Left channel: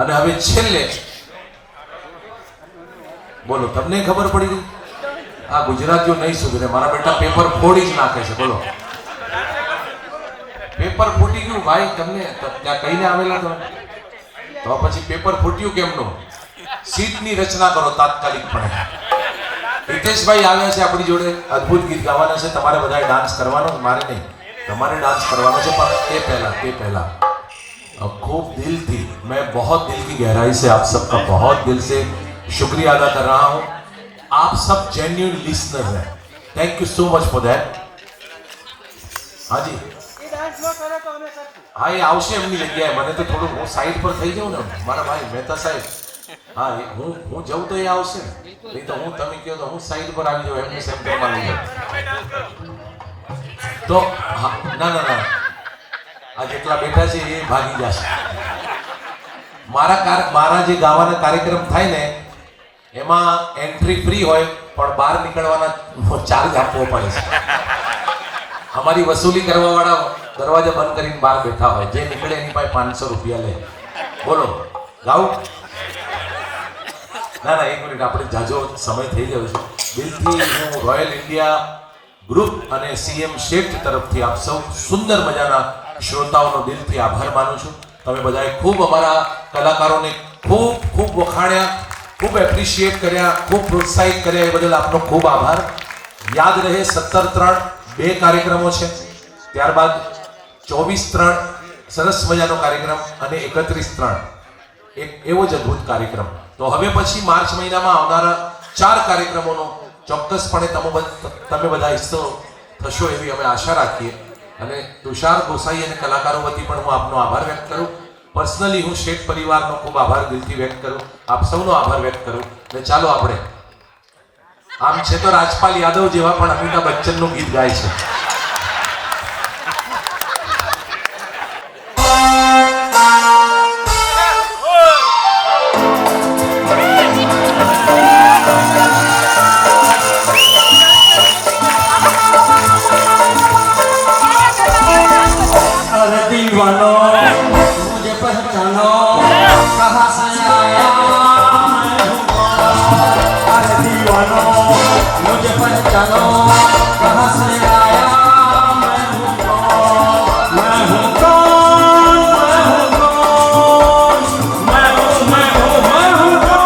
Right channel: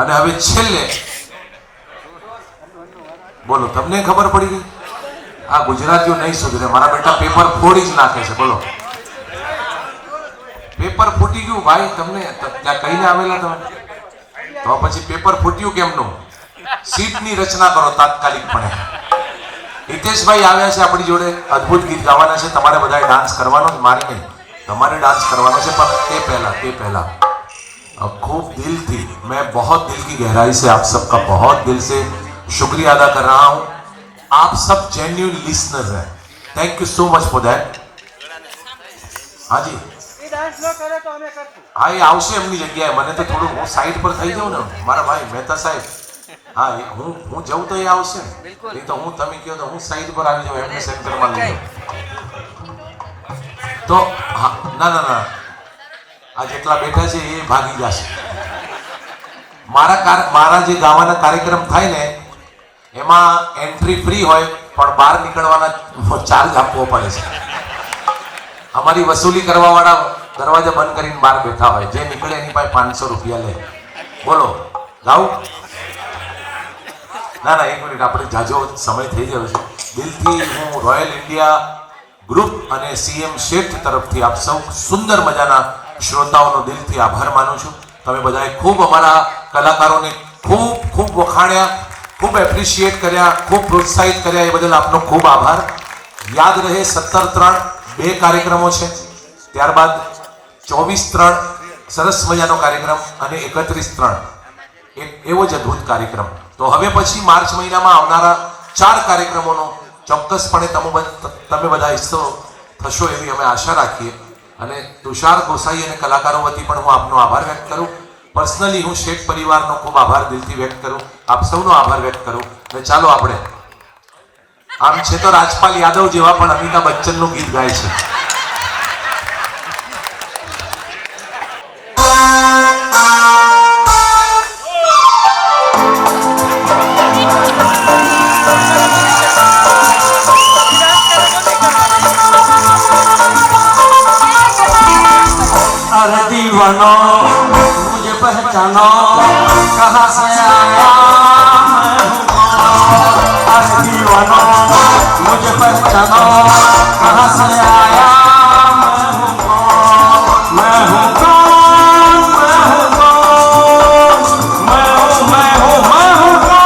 અને હવે છેલ્લે બોલો, તમને ખબર પડી ગઈ? આ ગુજરાતીઓ નહીં સુધરે, મારા બેટા પેપર ફોડી જ નાખે છે. બોલો, પેપર ફૂટી ગયું ભાઈ. તમને ત્યાં કહીને આવેલા તમે, તો પછી પેપર ફૂટ્યું કેમનું? સીટની રચના કરો તાત્કાલિકપણે. હિતેશભાઈ આવ્યા છે આપણી જોડે, અદ્ભુત ગીત ગાવાના છે. તમારે બધાએ ડાન્સ કરવાનો, મારે નહીં, તમારે ડાન્સ કરવાનો છે. પણ તે પહેલા खूब दिल थी, मैं बहुत दिल की गहराई से आप सबका बहुत दिल से शुक्रिया अदा कर रहा हूँ. आप सब जेन्युइन लिसनर हैं. Thank you so much for that. हाँ जी, हाँ એ આવશે એમની જગ્યાએ. મને તો થોડું હું સાઈડ પર થઈ જાઉં ને મારા ભાઈ મહેતા સાહેબ. હા, હું જઉં તો એ આવશે ને, નહીં તો હું, તમે કહો તો હું સાઈડ પર આવી જાઉં, એમને સેન્ટરમાં લઈ જાઉં. તો હા, ના આ જેટલા બેઠા છે એ ભાગી જશે. મારા જે ગાવાના કાર્યક્રમ થાય ને એમાં એન્ટ્રી ફ્રી હોય, પણ બહાર નીકળવાના ચાર્જ આપવો પડે છે. અમારી વસૂલી કરવા વાળા દરવાજા બંધ કરીને બહાર બેઠા હોય, જે નીકળે એની પાસે 500 રૂપિયા લે. બોલો, ગાઉં? ના, એક મિનિટ, આપણે જાજો સમય થઈ ગયો છે. દિલથી હું રોયલ ઇન્ડિયા ગ્રુપ અને સીએમ શેઠ તરફથી આપ સૌ સુંદર મજાના શ્રોતાઓનો દિલથી આભાર માનું છું. તમે બધાએ ખૂબ અમારા કલાકારોને ખૂબ વખાણ્યા, ખૂબ એપ્રિશિએટ કર્યા, ખૂબ પ્રોત્સાહિત કર્યા. એ બદલ આપનો ખૂબ આભાર. યાદ રહે 17/3 2 કાર્યક્રમો છે, ત્યારબાદ 24/3 સરસ મજાનો કાર્યક્રમ અને 31/3 એક એવો જ અદ્ભુત કાર્યક્રમ. તો હવે પછી માર્ચ મહિનામાં આવનારા 4 કાર્યક્રમોનો ચોક્કસપણે તમે બધા હિસ્સો થશો એવી અમે આશા રાખીએ. અને તુષાર ગોસાઈ અને કલાકારો વતી પણ હું આપનો આભાર વ્યક્ત કરું. પર્સનલી હું શેઠ પરિવારનો ખૂબ આભાર દિલથી વ્યક્ત કરું, આપ સૌનો આભાર વ્યક્ત કરું. અને ચાલો આપણે, આમ છે તો રાજપાલ યાદવ જેવા પણ અમિતાભ બચ્ચનનું ગીત ગાય છે. दीवानो मुझे पहचानो, कहाँ से आया मैं हूँ कौन. अरे दीवानो मुझे पहचानो, कहाँ से आया मैं हूँ कौन. मैं हूँ कौन, मैं हूँ कौन, मैं हूँ कौन.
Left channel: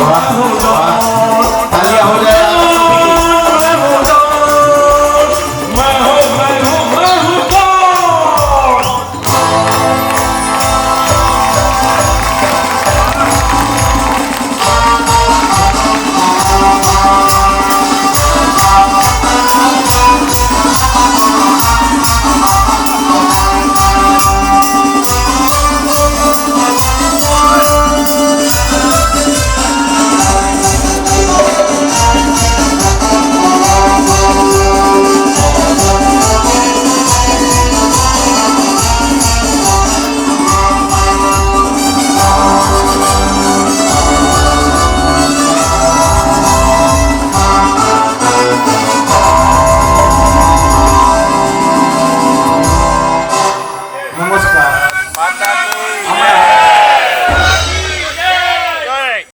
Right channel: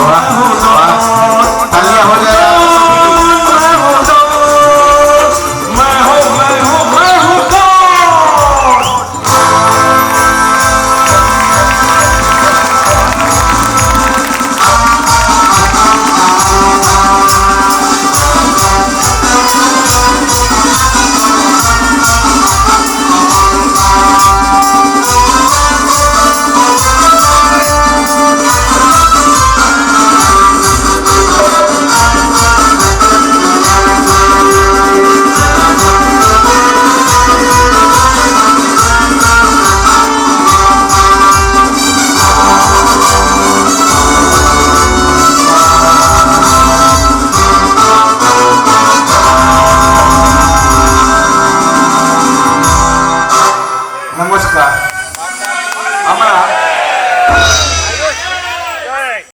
વાહ, વાહ. તાલિયા હો જાય